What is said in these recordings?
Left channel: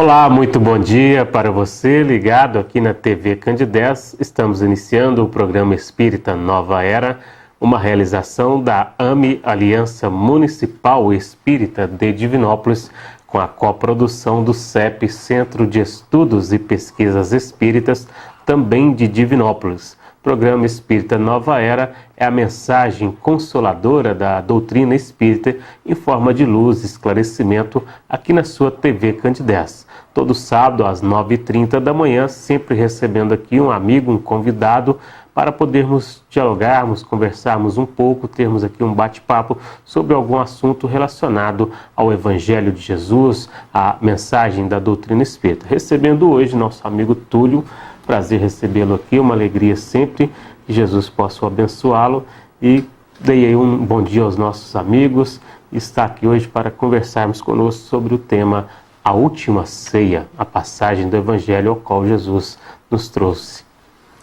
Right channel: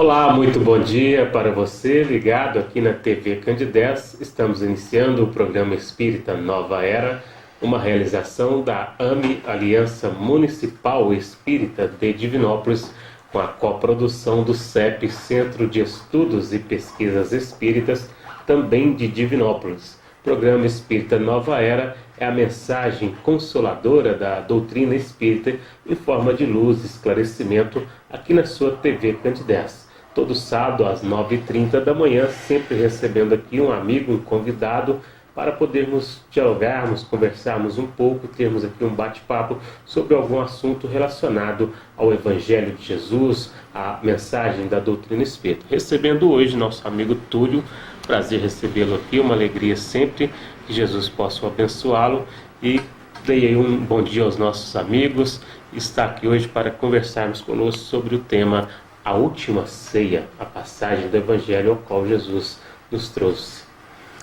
Olá, muito bom dia para você ligado aqui na TV Candidez. Estamos iniciando o programa Espírita Nova Era, uma realização da AME, Aliança Municipal Espírita de Divinópolis, com a coprodução do CEP, Centro de Estudos e Pesquisas Espíritas, também de Divinópolis. Programa Espírita Nova Era é a mensagem consoladora da doutrina espírita em forma de luz e esclarecimento aqui na sua TV Candidez. Todo sábado às 9h30 da manhã, sempre recebendo aqui um amigo, um convidado, para podermos dialogarmos, conversarmos um pouco, termos aqui um bate-papo sobre algum assunto relacionado ao Evangelho de Jesus, a mensagem da doutrina espírita. Recebendo hoje nosso amigo Túlio. Prazer recebê-lo aqui, uma alegria sempre, que Jesus possa abençoá-lo e dei aí um bom dia aos nossos amigos. Está aqui hoje para conversarmos conosco sobre o tema A Última Ceia, a passagem do Evangelho ao qual Jesus nos trouxe.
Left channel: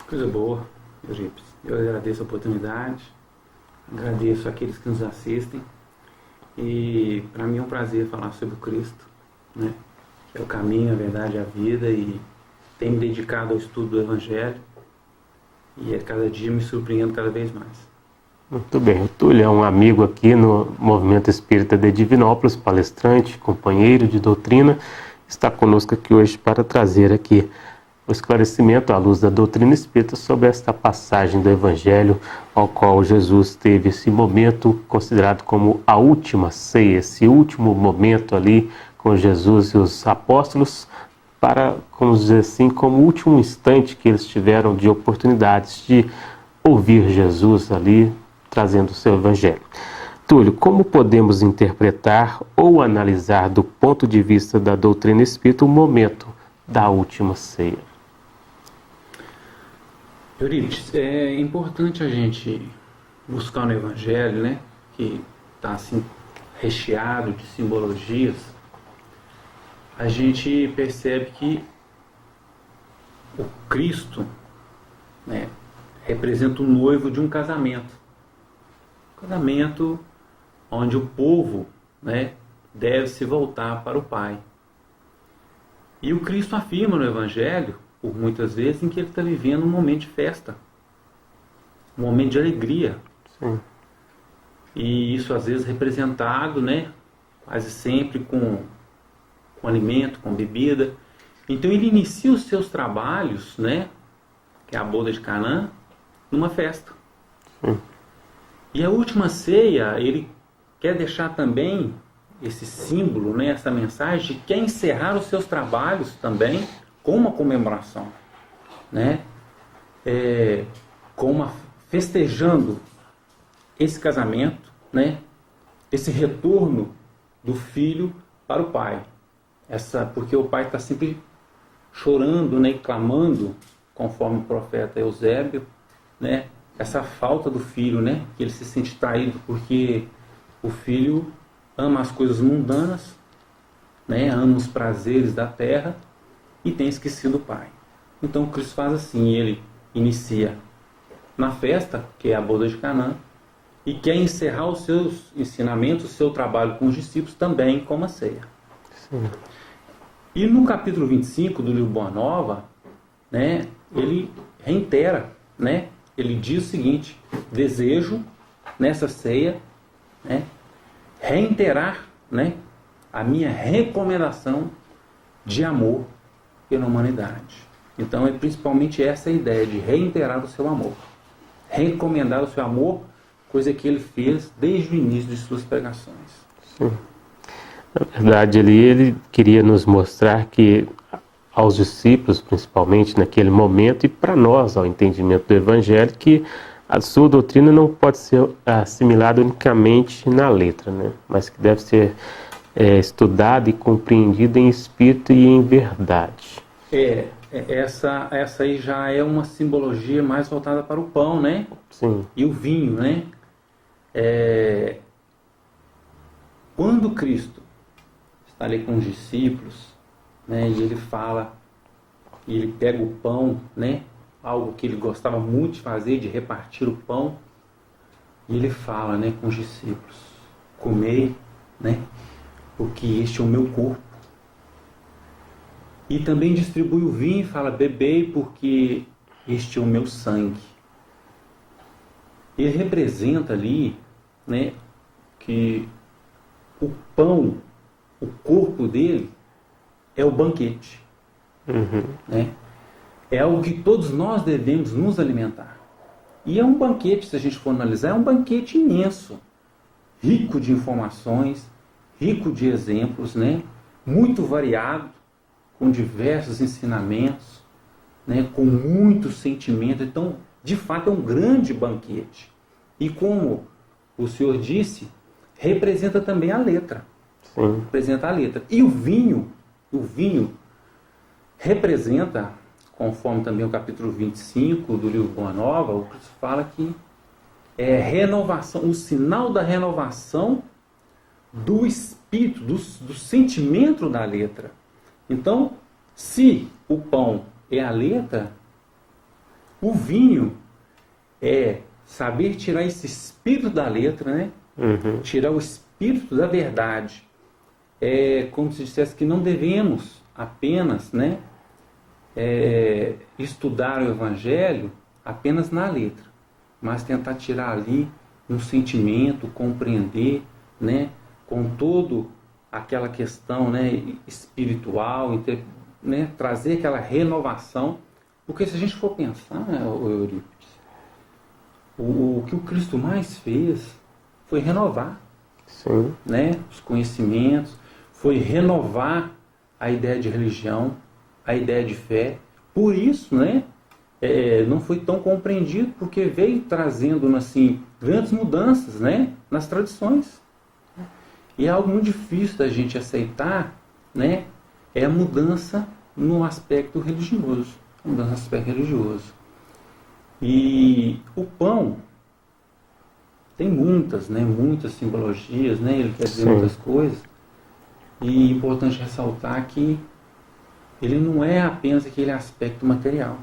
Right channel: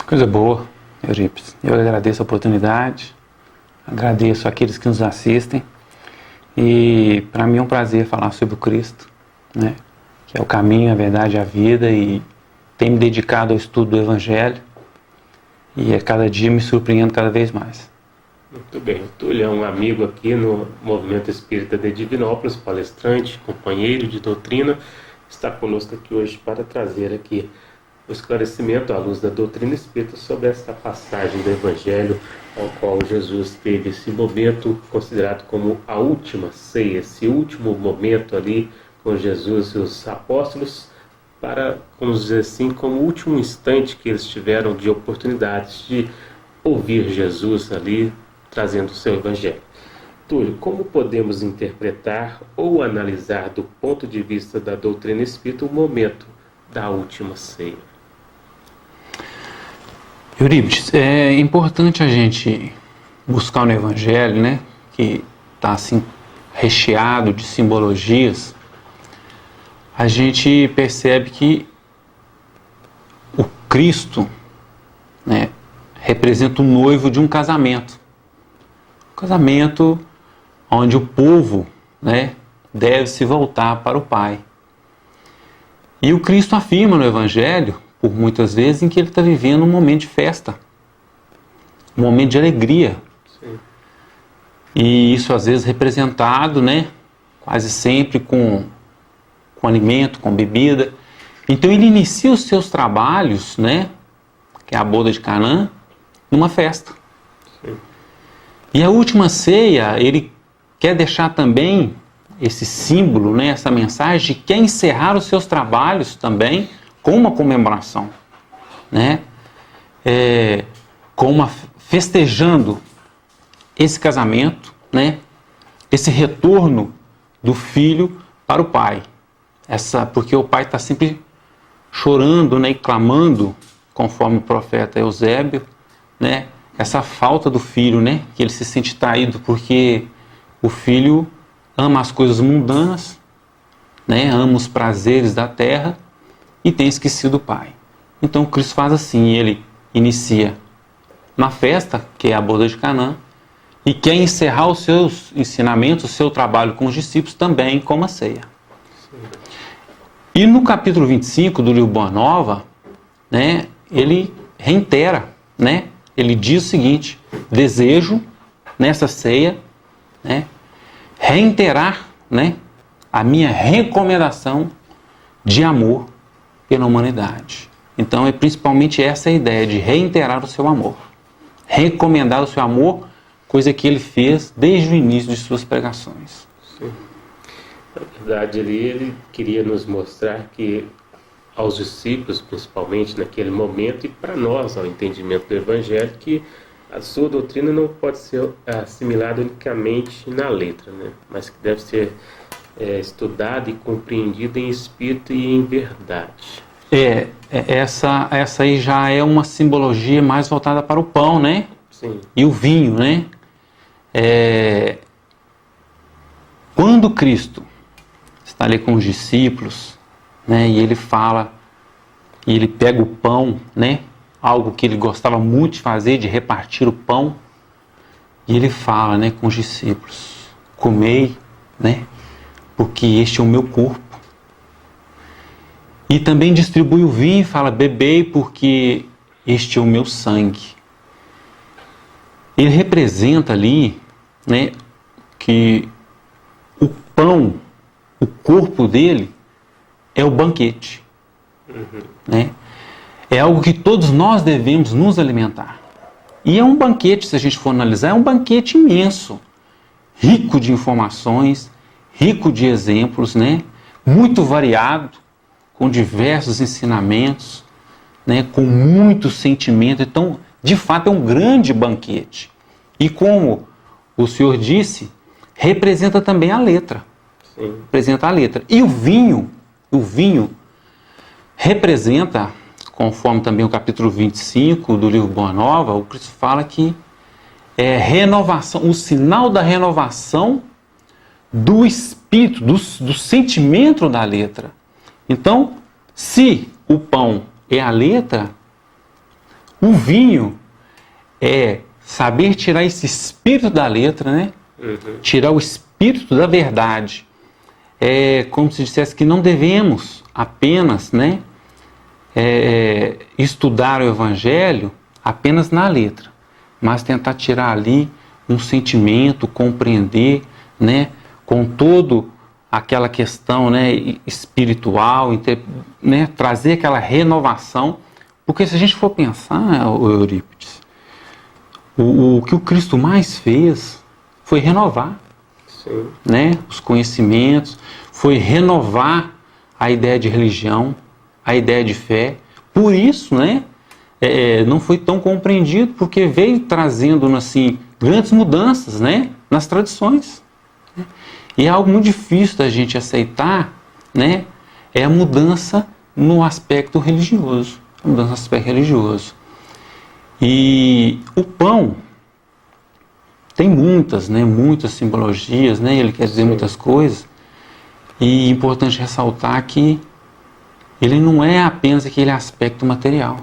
Coisa boa, Eurípides. Eu agradeço a oportunidade, agradeço àqueles que nos assistem e para mim é um prazer falar sobre o Cristo, né? Que é o caminho, a verdade e a vida, e tenho me dedicado ao estudo do Evangelho e a cada dia me surpreendo cada vez mais. Muito bem. O Túlio é um amigo aqui no Movimento Espírita de Divinópolis, palestrante, companheiro de doutrina, está conosco aqui hoje para trazer aqui o esclarecimento à luz da doutrina espírita sobre esta passagem do Evangelho ao qual Jesus teve esse momento considerado como a última ceia, esse último momento ali com Jesus e os apóstolos, para, vamos dizer assim, como o último instante que eles tiveram de oportunidades de ouvir Jesus ali, trazendo o seu Evangelho. Túlio, como podemos interpretar ou analisar do ponto de vista da doutrina espírita o momento da última ceia? Eurípides, é importante a gente buscar no Evangelho, né, que está assim recheado de simbologias. A gente percebe que o Cristo, né, representa o noivo de um casamento. Um casamento onde o povo, né, deve se voltar para o Pai. E o Cristo afirma no Evangelho, por muitas vezes, em que ele está vivendo um momento de festa, um momento de alegria. Sim. E isso às vezes representado, né, quase sempre com alimento, com bebida. Então ele inicia os seus trabalhos, né, que é a boda de Canaã, numa festa. Sim. E a última ceia, ele quer deixar também esse símbolo, né, essa mensagem, de quer encerrar os seus trabalhos também com uma comemoração, né, festejando esse casamento, né, esse retorno do filho para o pai. Porque o pai está sempre chorando, né, e clamando, conforme o profeta Eusébio, né, essa falta do filho, né, que ele se sente traído, porque o filho ama as coisas mundanas, né, ama os prazeres da terra e tem esquecido o pai. Então o Cristo faz assim, ele inicia na festa, que é a boda de Canaã, e quer encerrar os seus ensinamentos, o seu trabalho com os discípulos também com uma ceia. Sim. E no capítulo 25 do livro Boa Nova, né, ele reitera, né, ele diz o seguinte: desejo nessa ceia, né, reiterar, né, a minha recomendação de amor pela humanidade. Então é principalmente essa a ideia de reiterar o seu amor, recomendar o seu amor, coisa que ele fez desde o início de suas pregações. Sim. Na verdade, ali ele queria nos mostrar que aos discípulos, principalmente naquele momento, e para nós, ao entendimento do Evangelho, que a sua doutrina não pode ser assimilada unicamente na letra, né? Mas que deve ser estudada e compreendida em espírito e em verdade. Essa aí já é uma simbologia mais voltada para o pão, né? Sim. E o vinho, né? Quando Cristo está ali com os discípulos, né, e ele fala, e ele pega o pão, né, algo que ele gostava muito de fazer, de repartir o pão, e ele fala, né, com os discípulos: comei, né, porque este é o meu corpo. E também distribui o vinho e fala: bebei, porque este é o meu sangue. Ele representa ali, né, que o pão, o corpo dele, é o banquete. Né? É algo que todos nós devemos nos alimentar. E é um banquete, se a gente for analisar, é um banquete imenso, rico de informações, rico de exemplos, né? Muito variado, com diversos ensinamentos, né? Com muito sentimento. Então, de fato, é um grande banquete. E como o senhor disse, representa também a letra. Sim. Representa a letra. E o vinho representa, conforme também o capítulo 25 do livro Boa Nova, o Cristo fala que é renovação, o sinal da renovação do espírito, do sentimento da letra. Então, se o pão é a letra, o vinho é saber tirar esse espírito da letra, né? Tirar o espírito da verdade. É como se dissesse que não devemos apenas, né, estudar o Evangelho apenas na letra, mas tentar tirar ali um sentimento, compreender, né, com todo aquela questão, né, espiritual, né, trazer aquela renovação, porque se a gente for pensar, o Eurípides, o que o Cristo mais fez foi renovar, né, os conhecimentos, foi renovar a ideia de religião, a ideia de fé. Por isso, né, não foi tão compreendido, porque veio trazendo assim grandes mudanças, né, nas tradições. E é algo muito difícil da gente aceitar, né, é a mudança no aspecto religioso. A mudança no aspecto religioso. E o pão tem muitas simbologias, né, ele quer dizer muitas coisas. E é importante ressaltar que ele não é apenas aquele aspecto material.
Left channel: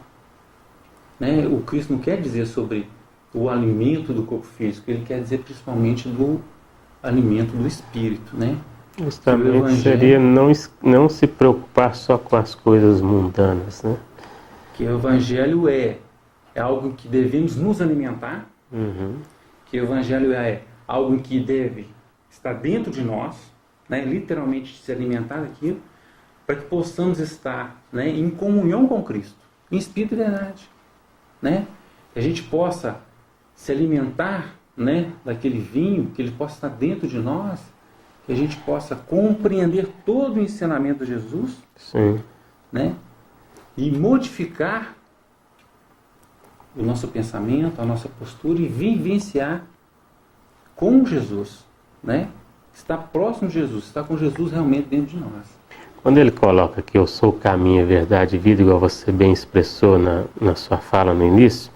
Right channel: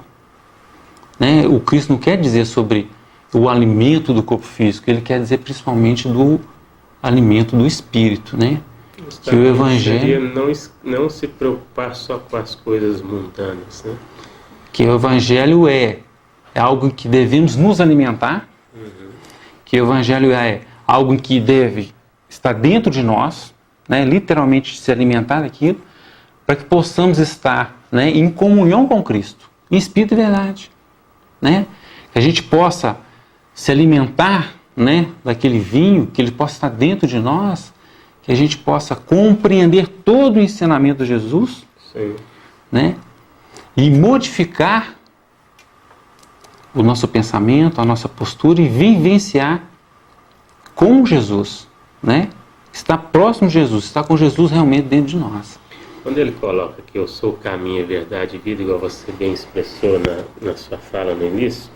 Né? O Cristo não quer dizer sobre o alimento do corpo físico, ele quer dizer principalmente do alimento do espírito. Né? Que o Evangelho seria não se preocupar só com as coisas mundanas. Né? Que o Evangelho é algo que devemos nos alimentar, que o Evangelho é algo que deve estar dentro de nós, né? Literalmente se alimentar daquilo, para que possamos estar, né, em comunhão com Cristo, em espírito e verdade. Né? Que a gente possa se alimentar, né, daquele vinho, que ele possa estar dentro de nós, que a gente possa compreender todo o ensinamento de Jesus, né, e modificar o nosso pensamento, a nossa postura e vivenciar com Jesus, né? Estar próximo de Jesus, estar com Jesus realmente dentro de nós. Quando ele coloca que eu sou o caminho, a verdade e vida, igual você bem expressou na sua fala no início,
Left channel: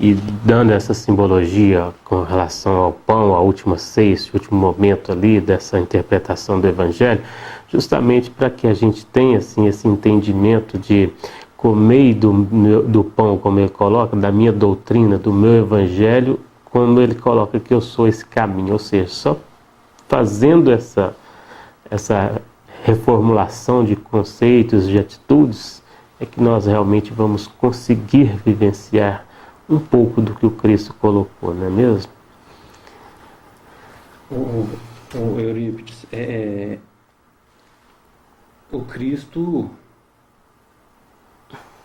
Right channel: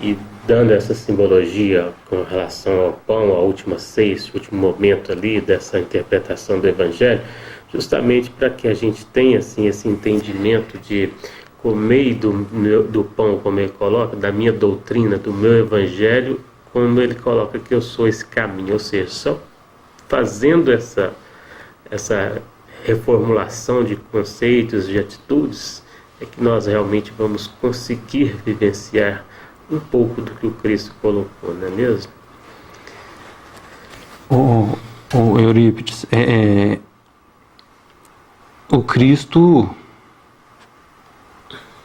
e dando essa simbologia com relação ao pão, à última ceia, esse último momento ali dessa interpretação do Evangelho, justamente para que a gente tenha assim, esse entendimento de comer do pão, como ele coloca, da minha doutrina, do meu Evangelho, quando ele coloca que eu sou esse caminho, ou seja, só fazendo essa reformulação de conceitos, de atitudes, é que nós realmente vamos conseguir vivenciar um pouco do que o Cristo colocou, não é mesmo? O Eurípides, o Cristo,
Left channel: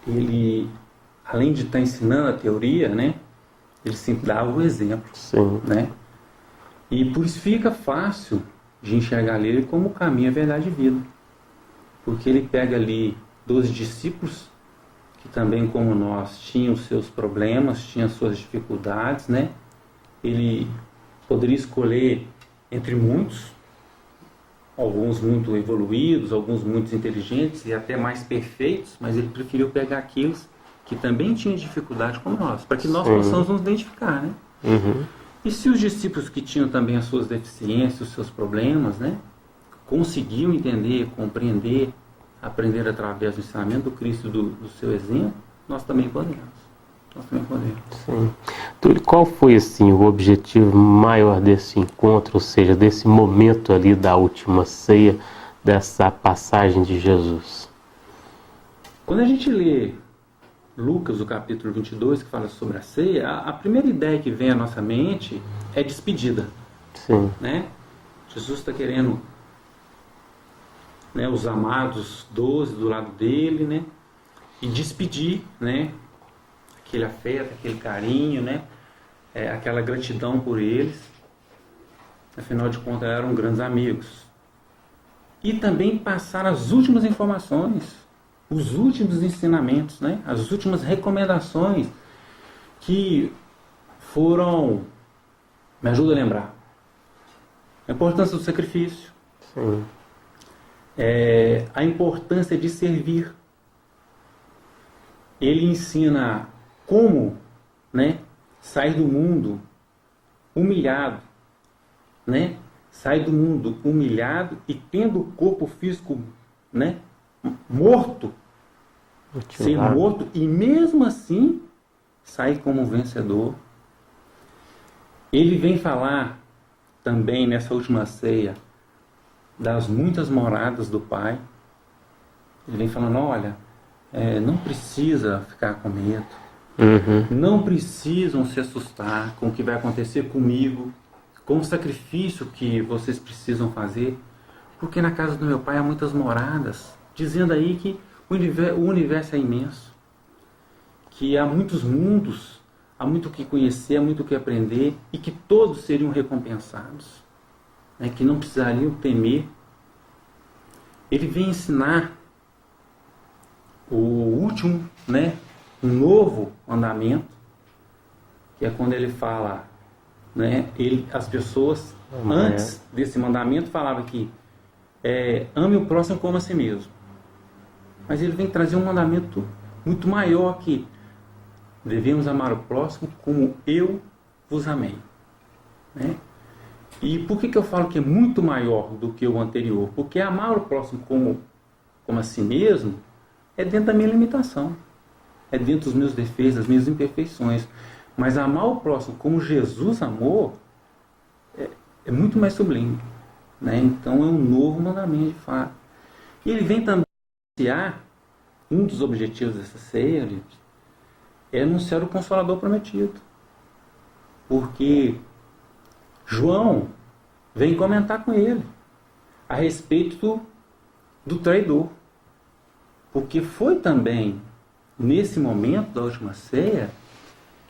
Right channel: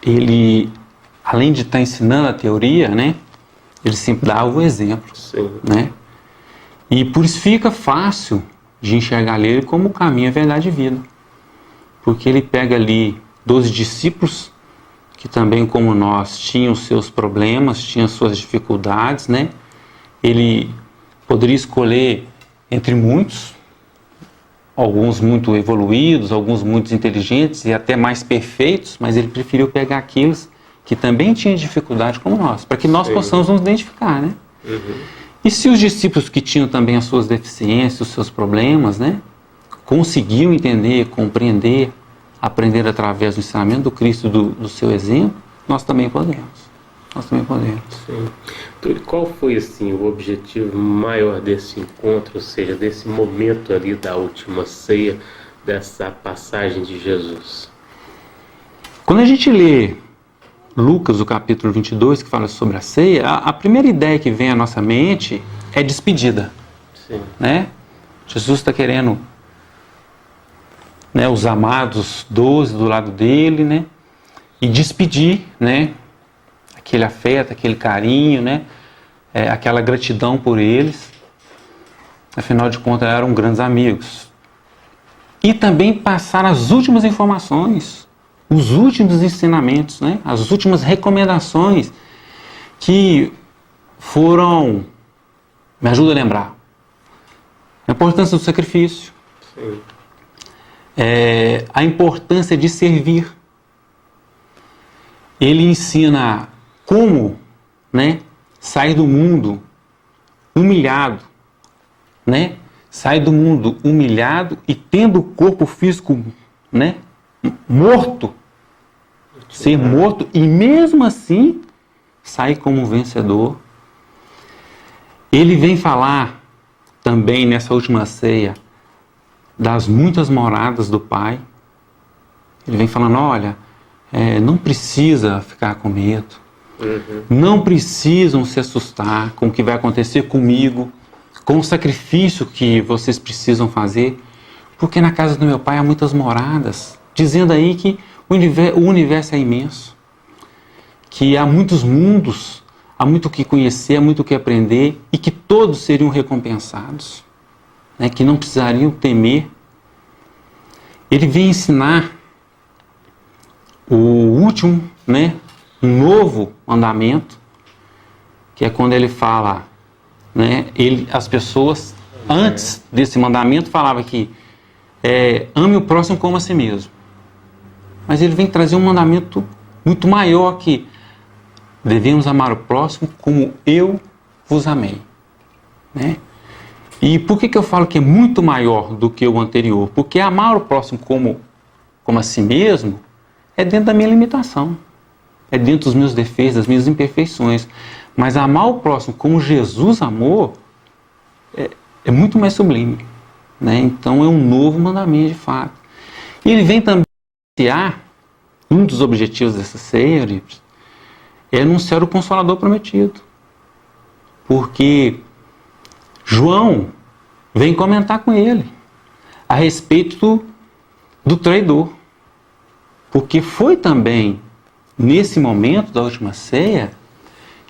ele, além de estar ensinando a teoria, né, ele sempre dá o exemplo, né? E por isso fica fácil de enxergar ele como o caminho, a verdade e a vida. Porque ele pega ali 12 discípulos, que também como nós tinham seus problemas, tinham suas dificuldades, né? Ele poderia escolher entre muitos, alguns muito evoluídos, alguns muito inteligentes e até mais perfeitos, mas ele preferiu pegar aqueles que também tinham dificuldade como nós, para que nós possamos nos identificar, né? E se os discípulos que tinham também as suas deficiências, os seus problemas, né, conseguiam entender, compreender, aprender através do ensinamento do Cristo, do seu exemplo, nós também podemos. Nós também podemos. Então, qual foi assim, o objetivo maior desse encontro, ou seja, desse momento ali da última ceia, dessa passagem de Jesus? Quando a gente lê Lucas, o capítulo 22, que fala sobre a ceia, a primeira ideia que vem à nossa mente é despedida. Sim. Né? Jesus está querendo, né, os amados 12 do lado dele, né, e despedir, né, aquele afeto, aquele carinho, né, aquela gratidão por eles. Afinal de contas, eram grandes amigos. E também passar as últimas informações, os últimos ensinamentos, né, as últimas recomendações que foram, me ajuda a lembrar, a importância do sacrifício, a importância de servir. Ele ensina como, né, sair do mundo humilhado, né? Sair do mundo humilhado e tendo o corpo físico, né, morto, ser morto e mesmo assim sair como vencedor. Ele vem falar também nessa última ceia das muitas moradas do Pai. Ele vem falando, olha, não precisa ficar com medo, não precisam se assustar com o que vai acontecer comigo, com o sacrifício que vocês precisam fazer, porque na casa do meu Pai há muitas moradas, dizendo aí que o universo é imenso, que há muitos mundos, há muito o que conhecer, há muito o que aprender e que todos seriam recompensados, né, que não precisariam temer. Ele vem ensinar o último, né, um novo mandamento, que é quando ele fala, né, as pessoas antes desse mandamento falavam que ame o próximo como a si mesmo. Mas ele vem trazer um mandamento muito maior, que devemos amar o próximo como eu vos amei, né? E por que eu falo que é muito maior do que o anterior? Porque amar o próximo como a si mesmo é dentro da minha limitação, é dentro dos meus defeitos, das minhas imperfeições. Mas amar o próximo como Jesus amou é muito mais sublime, né? Então é um novo mandamento de fato. E ele vem também anunciar, um dos objetivos dessa ceia, Eurípides, é anunciar o Consolador prometido. Porque João vem comentar com ele a respeito do traidor. Porque foi também nesse momento da última ceia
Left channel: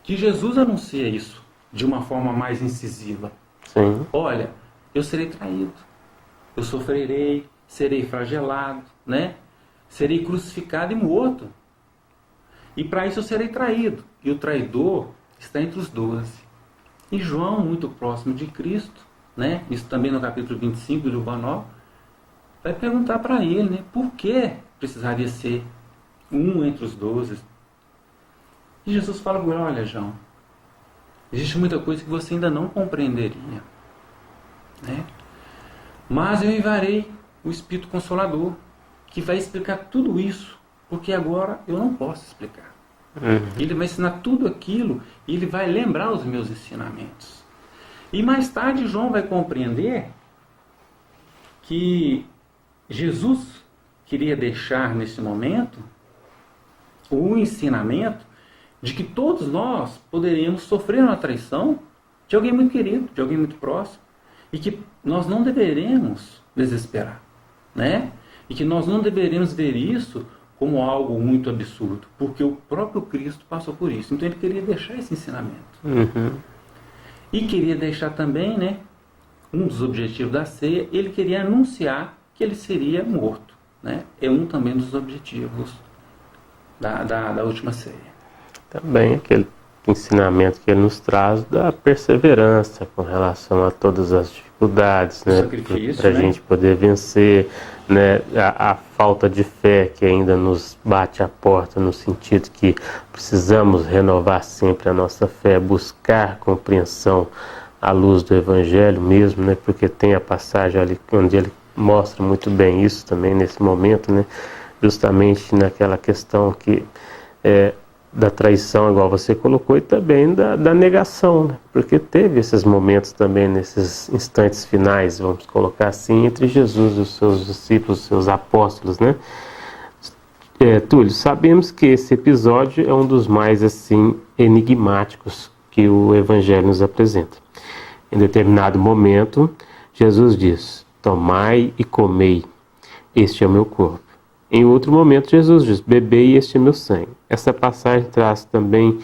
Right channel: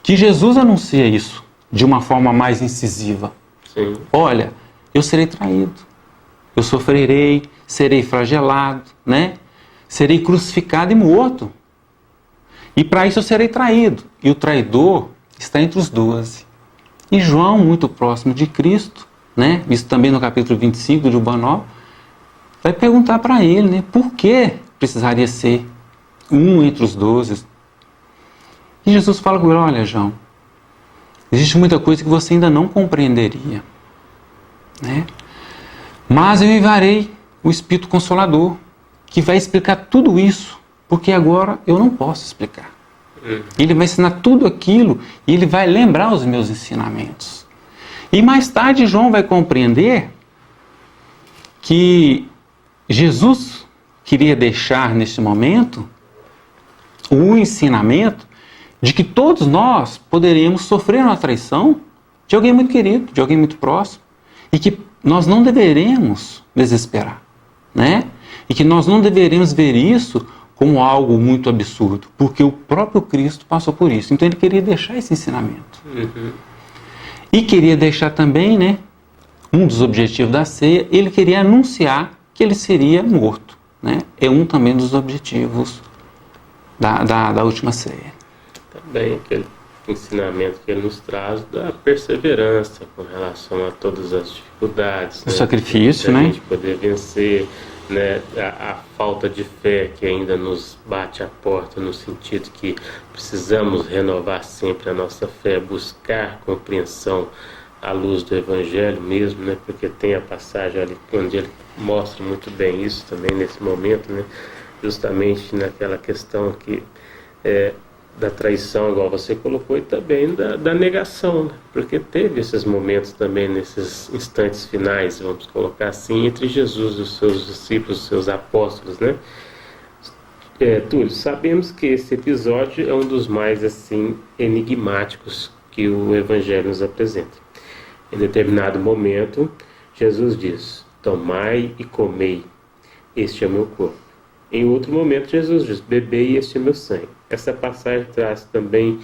que Jesus anuncia isso de uma forma mais incisiva. Sim. Olha, eu serei traído, eu sofrerei, serei flagelado, né? Serei crucificado e morto. E para isso eu serei traído. E o traidor está entre os 12. E João, muito próximo de Cristo, né? Isso também no capítulo 25 de Ubanó, vai perguntar para ele, né? Por que precisaria ser um entre os 12? E Jesus fala com ele, olha, João, existe muita coisa que você ainda não compreenderia, né? Mas eu enviarei o Espírito Consolador, que vai explicar tudo isso, porque agora eu não posso explicar. Ele vai ensinar tudo aquilo e ele vai lembrar os meus ensinamentos. E mais tarde João vai compreender que Jesus queria deixar nesse momento o ensinamento de que todos nós poderíamos sofrer uma traição de alguém muito querido, de alguém muito próximo, e que nós não deveremos desesperar, né? E que nós não deveremos ver isso como algo muito absurdo, porque o próprio Cristo passou por isso. Então ele queria deixar esse ensinamento. E queria deixar também, né, um dos objetivos da ceia, ele queria anunciar que ele seria morto, né? É um também dos objetivos da última ceia. Também aquele ensinamento que ele nos traz da perseverança com relação a todas as dificuldades, o sacrifício, para a né? gente poder vencer, né, a falta de fé que ainda nos bate à porta, no sentido que precisamos renovar sempre a nossa fé, buscar compreensão à luz do Evangelho mesmo, né, porque tem a passagem ali onde ele mostra muito bem isso também nesse momento, né, justamente naquela questão que da traição, igual você colocou, e também da negação, né? Porque teve esses momentos também, nesses instantes finais, vamos colocar assim, entre Jesus, os seus discípulos, os seus apóstolos, né? Túlio, sabemos que esse episódio é um dos mais assim enigmáticos que o Evangelho nos apresenta. Em determinado momento, Jesus diz: tomai e comei, este é o meu corpo. Em outro momento, Jesus diz: bebei, este é meu sangue. Essa passagem traz também,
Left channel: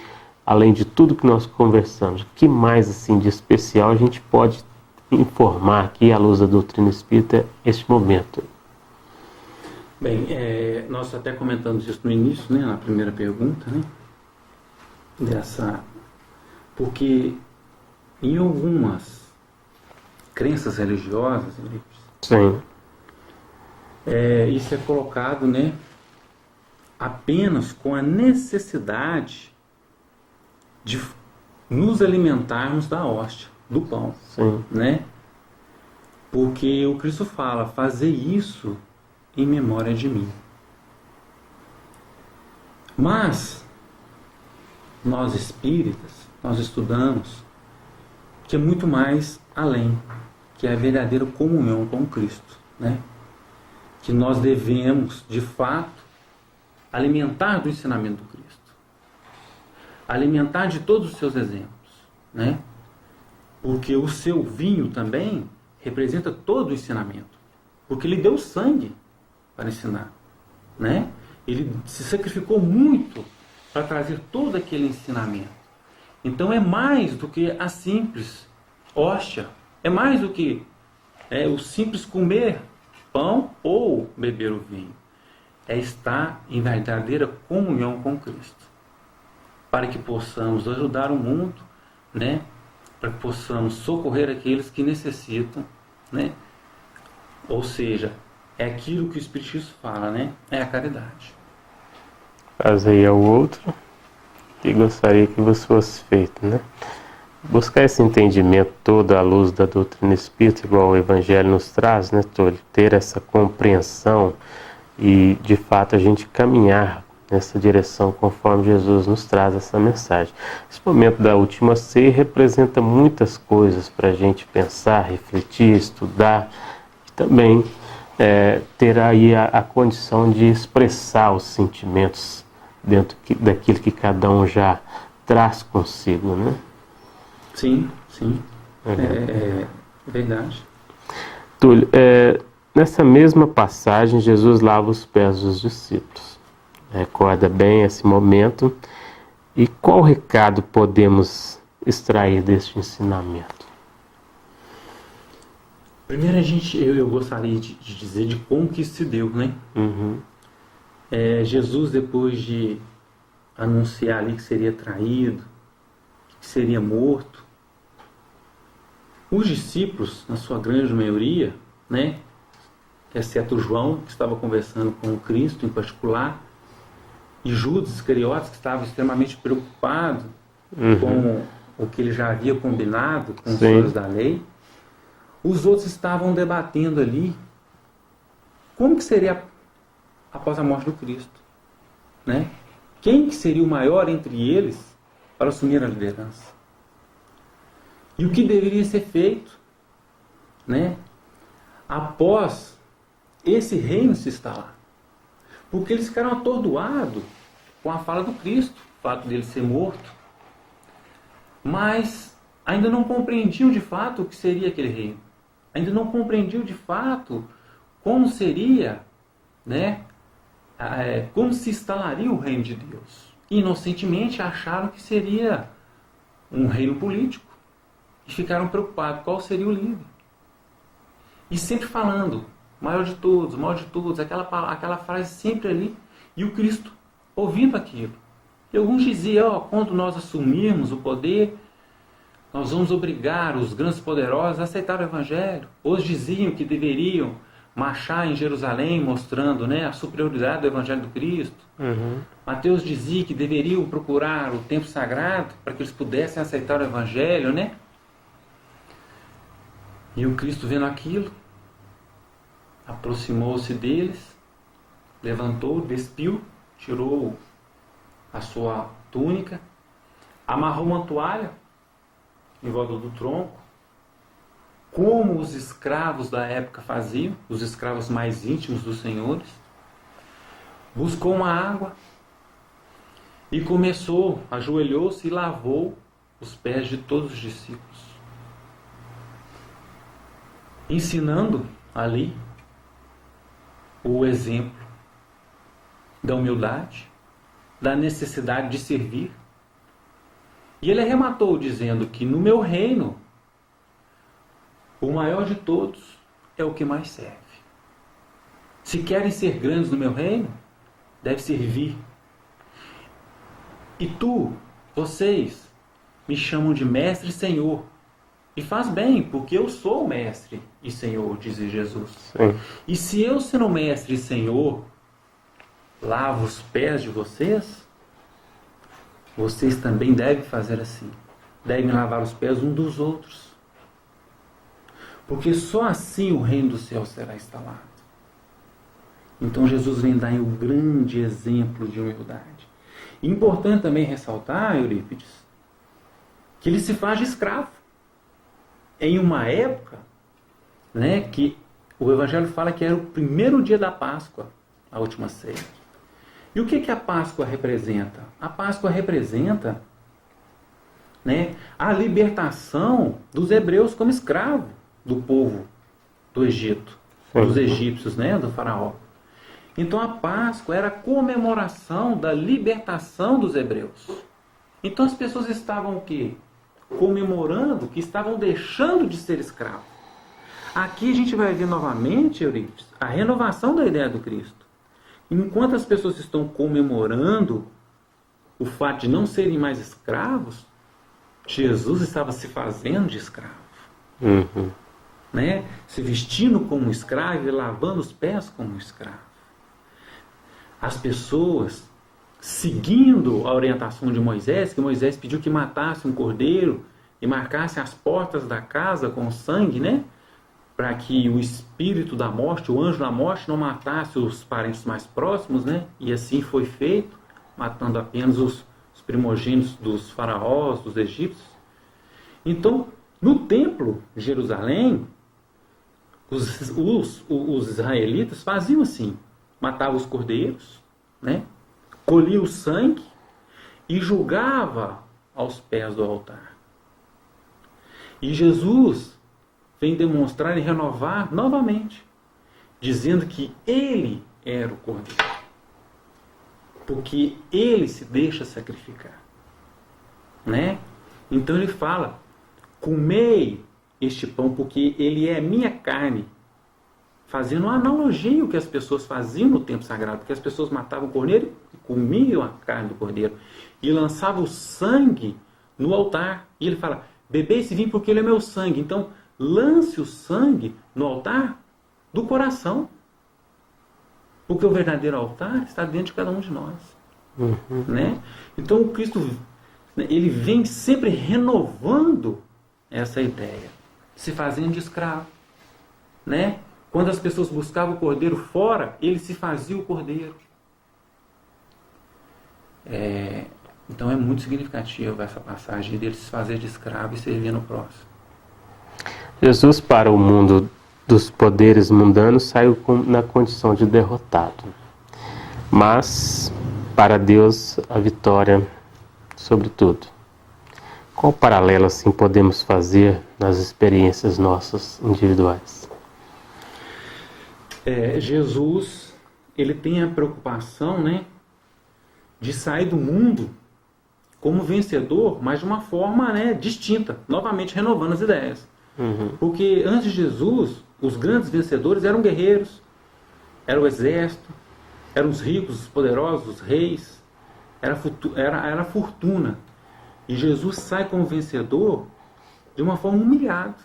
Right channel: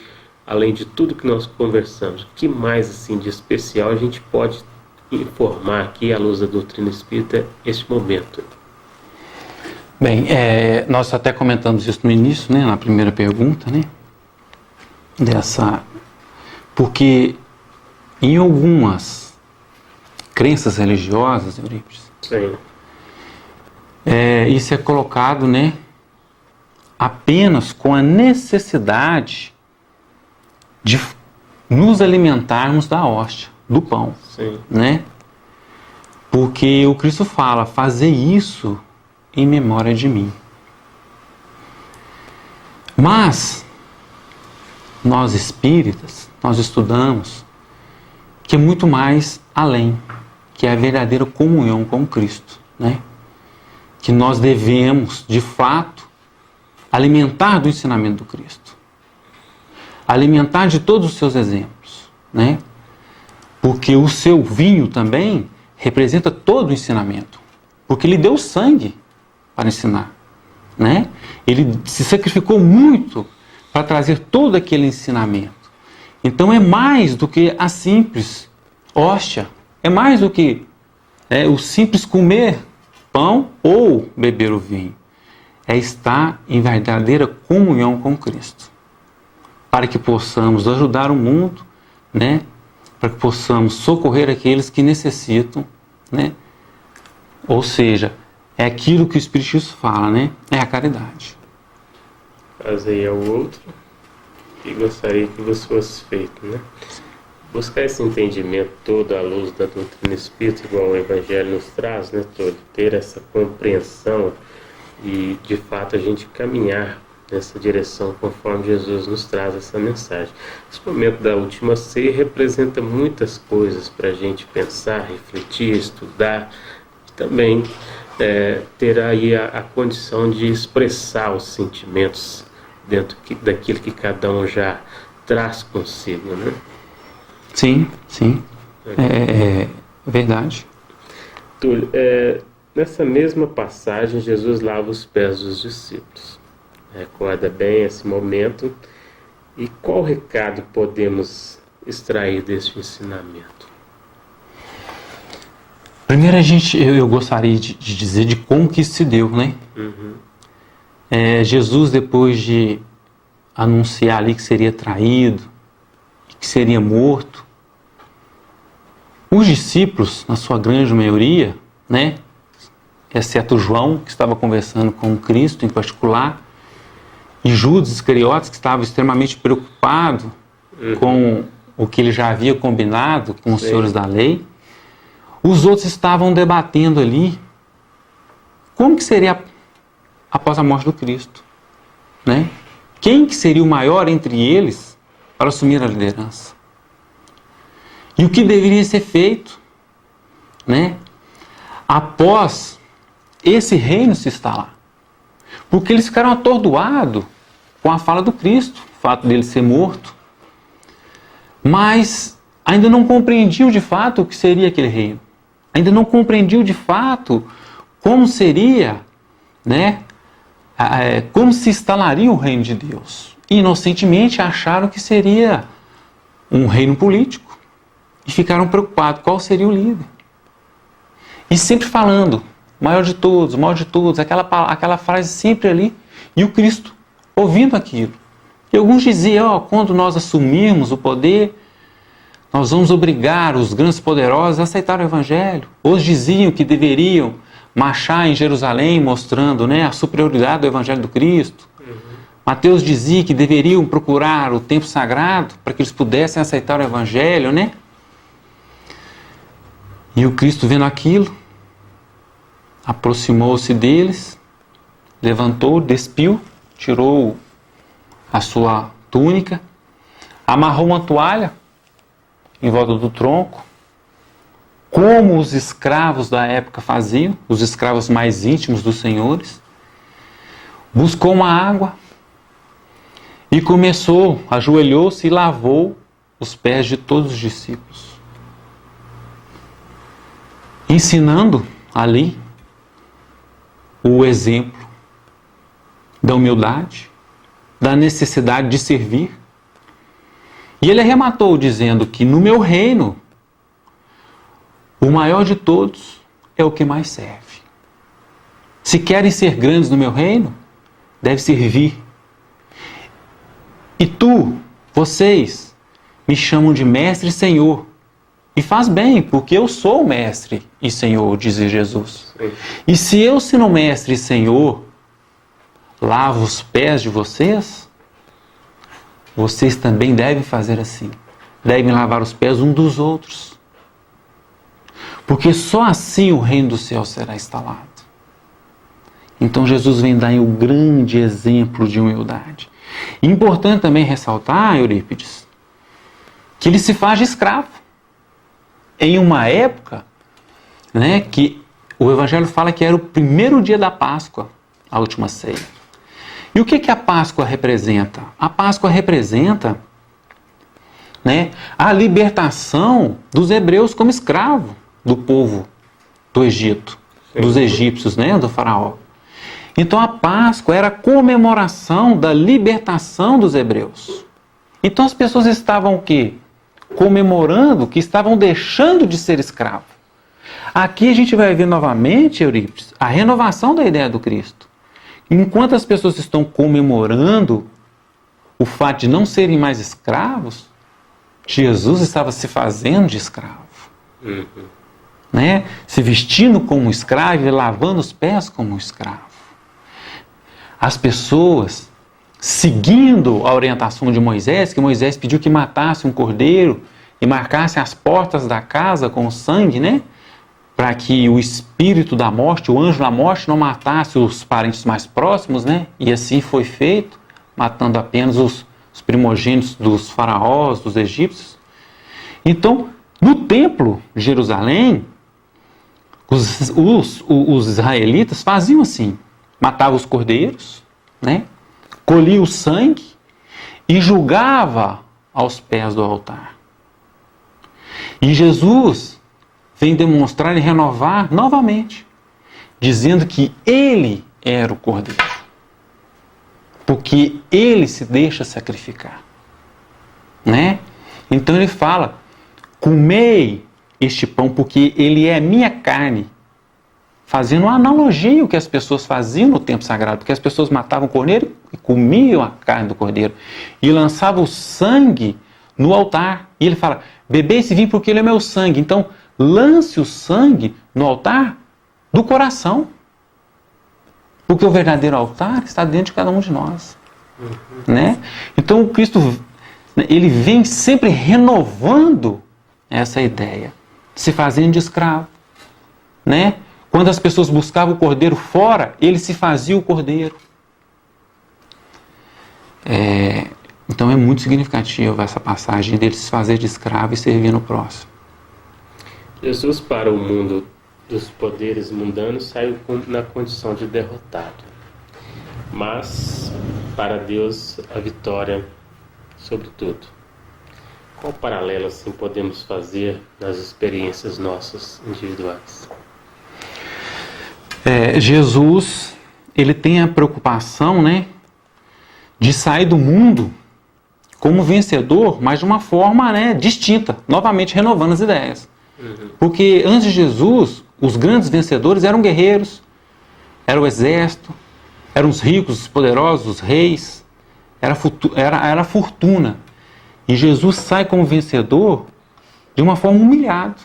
além de tudo que nós conversamos, o que mais assim de especial a gente pode informar aqui à luz da doutrina espírita este momento? Bem, nós até comentamos isso no início, né, na primeira pergunta, né, porque em algumas crenças religiosas, Eurípides, Sim. Isso é colocado, né, apenas com a necessidade de nos alimentarmos da hóstia, do pão, Sim. né? Porque o Cristo fala: fazer isso em memória de mim. Mas nós espíritas, nós estudamos que é muito mais além, que é a verdadeira comunhão com Cristo, né? Que nós devemos, de fato, alimentar do ensinamento do Cristo, alimentar de todos os seus exemplos, né? Porque o seu vinho também representa todo o ensinamento, porque ele deu sangue para ensinar, né? Ele se sacrificou muito para trazer todo aquele ensinamento. Então é mais do que a simples hóstia, é mais do que o simples comer pão ou beber o vinho. É estar em verdadeira comunhão com Cristo, para que possamos ajudar o mundo, né? Para que possamos socorrer aqueles que necessitam, né? Ou seja, é aquilo que o Espiritismo fala, né? É a caridade. Fazer ao outro e gostaria que vos fosse feito, né? Buscar esse entendimento todo à luz da doutrina espírita, igual o Evangelho nos traz, né, Túlio? Ter essa compreensão e, de fato, a gente caminhar nessa direção conforme Jesus nos traz essa mensagem. Esse momento da última ceia representa muitas coisas para a gente pensar, refletir, estudar, e também ter aí a condição de expressar os sentimentos dentro daquilo que cada um já traz consigo, né? Sim, sim. É verdade. Túlio, nessa mesma passagem, Jesus lava os pés dos discípulos. Recorda bem esse momento. E qual recado podemos extrair deste ensinamento? Primeiro eu gostaria de dizer de como que isso se deu, né? Uhum. Jesus, depois de anunciar ali que seria traído, que seria morto, os discípulos, na sua grande maioria, né, exceto João, que estava conversando com Cristo em particular, e Judas Iscariotes, que estava extremamente preocupado com o que ele já havia combinado com os senhores da lei, os outros estavam debatendo ali como que seria após a morte do Cristo, né? Quem que seria o maior entre eles para assumir a liderança? E o que deveria ser feito, né, após esse reino se instalar? Porque eles ficaram atordoados com a fala do Cristo, o fato dele ser morto, mas ainda não compreendiam de fato o que seria aquele reino. Ainda não compreendiam de fato como seria, né, como se instalaria o reino de Deus. E inocentemente acharam que seria um reino político. E ficaram preocupados qual seria o líder. E sempre falando, maior de todos, aquela frase sempre ali. E o Cristo ouvindo aquilo. E alguns diziam, quando nós assumirmos o poder, nós vamos obrigar os grandes poderosos a aceitar o Evangelho. Outros diziam que deveriam marchar em Jerusalém, mostrando, né, a superioridade do Evangelho do Cristo. Mateus dizia que deveriam procurar o templo sagrado para que eles pudessem aceitar o Evangelho, né? E o Cristo, vendo aquilo, aproximou-se deles, levantou, despiu, tirou a sua túnica, amarrou uma toalha em volta do tronco, como os escravos da época faziam, os escravos mais íntimos dos senhores, buscou uma água e começou, ajoelhou-se e lavou os pés de todos os discípulos, ensinando ali o exemplo da humildade, da necessidade de servir. E ele arrematou dizendo que no meu reino, o maior de todos é o que mais serve. Se querem ser grandes no meu reino, deve servir. E vocês, me chamam de mestre e senhor. E faz bem, porque eu sou mestre e senhor, diz Jesus. Sim. E se eu, sendo mestre e senhor, lavo os pés de vocês, vocês também devem fazer assim. Devem lavar os pés uns dos outros. Porque só assim o reino do céu será instalado. Então Jesus vem dar um grande exemplo de humildade. Importante também ressaltar, Eurípides, que ele se faz de escravo. Em uma época, né, que o Evangelho fala que era o primeiro dia da Páscoa, a última ceia. E o que a Páscoa representa? A Páscoa representa, né, a libertação dos hebreus como escravo do povo do Egito, dos egípcios, né, do faraó. Então a Páscoa era a comemoração da libertação dos hebreus. Então as pessoas estavam o quê? Comemorando que estavam deixando de ser escravos. Aqui a gente vai ver novamente, Eurípides, a renovação da ideia do Cristo. Enquanto as pessoas estão comemorando o fato de não serem mais escravos, Jesus estava se fazendo de escravo. Né? Se vestindo como escravo e lavando os pés como escravo. As pessoas, seguindo a orientação de Moisés, que Moisés pediu que matasse um cordeiro e marcasse as portas da casa com o sangue, né? Para que o espírito da morte, o anjo da morte, não matasse os parentes mais próximos, né? E assim foi feito, matando apenas os primogênitos dos faraós, dos egípcios. Então, no templo de Jerusalém, os israelitas faziam assim, matavam os cordeiros, né? Colhia o sangue e julgava aos pés do altar. E Jesus vem demonstrar e renovar novamente, dizendo que ele era o cordeiro, porque ele se deixa sacrificar, né? Então ele fala, comei este pão porque ele é minha carne, fazendo uma analogia ao que as pessoas faziam no tempo sagrado, porque as pessoas matavam o cordeiro e comiam a carne do cordeiro e lançavam o sangue no altar. E ele fala, bebei esse vinho porque ele é meu sangue. Então, lance o sangue no altar do coração, porque o verdadeiro altar está dentro de cada um de nós. Né? Então, o Cristo, ele vem sempre renovando essa ideia, se fazendo de escravo, né? Quando as pessoas buscavam o cordeiro fora, ele se fazia o cordeiro. Então é muito significativa essa passagem dele se fazer de escravo e servir no próximo. Jesus, para o mundo dos poderes mundanos, saiu na condição de derrotado. Mas, para Deus, a vitória sobre tudo. Qual paralelo, assim, podemos fazer nas experiências nossas individuais? Jesus, ele tem a preocupação, né, de sair do mundo como vencedor, mas de uma forma, né, distinta, novamente renovando as ideias. Porque antes de Jesus, os grandes vencedores eram guerreiros, era o exército, eram os ricos, os poderosos, os reis, era a fortuna. E Jesus sai como vencedor de uma forma humilhada,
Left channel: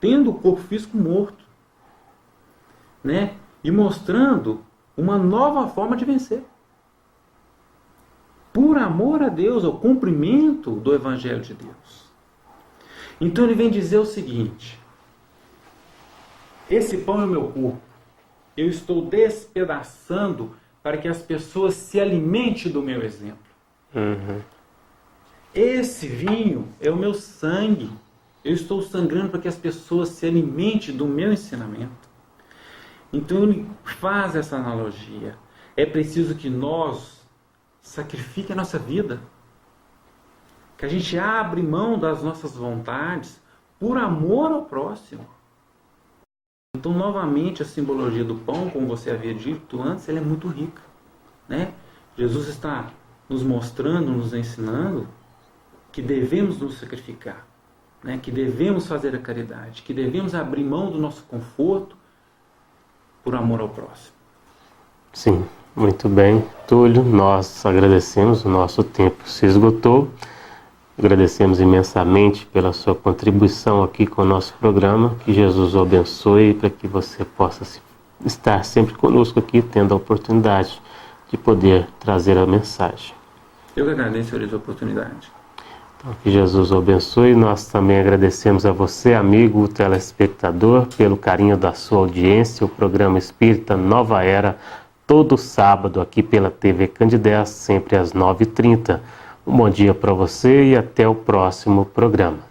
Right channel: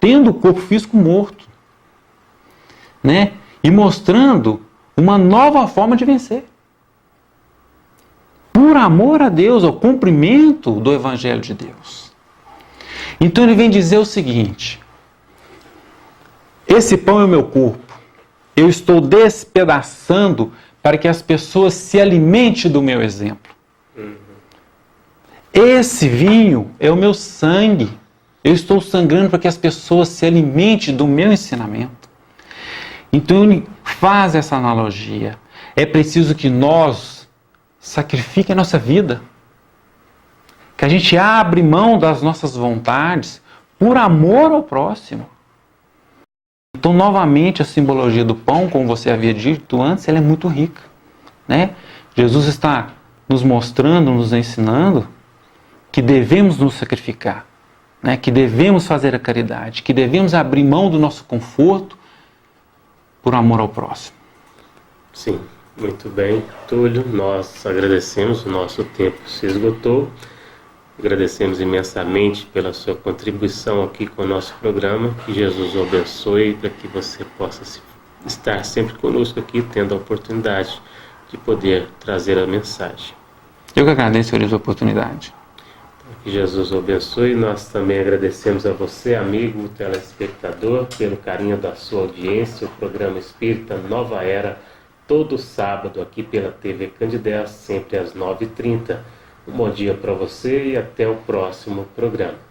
tendo o corpo físico morto, né? E mostrando uma nova forma de vencer. Por amor a Deus, ao cumprimento do Evangelho de Deus. Então ele vem dizer o seguinte, esse pão é o meu corpo, eu estou despedaçando para que as pessoas se alimentem do meu exemplo. Esse vinho é o meu sangue, eu estou sangrando para que as pessoas se alimentem do meu ensinamento. Então ele faz essa analogia, É preciso que nós sacrifiquemos a nossa vida, que a gente abre mão das nossas vontades por amor ao próximo. Então, novamente, a simbologia do pão, como você havia dito antes, ela é muito rica, né? Jesus está nos mostrando, nos ensinando que devemos nos sacrificar, né? Que devemos fazer a caridade, que devemos abrir mão do nosso conforto por amor ao próximo. Sim, muito bem, Túlio. Nós agradecemos, o nosso tempo se esgotou. Agradecemos imensamente pela sua contribuição aqui com o nosso programa. Que Jesus o abençoe para que você possa estar sempre conosco aqui, tendo a oportunidade de poder trazer a mensagem. Eu que agradeço por essa oportunidade. Então, que Jesus o abençoe. Nós também agradecemos a você, amigo telespectador, pelo carinho da sua audiência. O programa Espírita Nova Era, todo sábado aqui pela TV Candidez, sempre às 9h30. Um bom dia para você e até o próximo programa.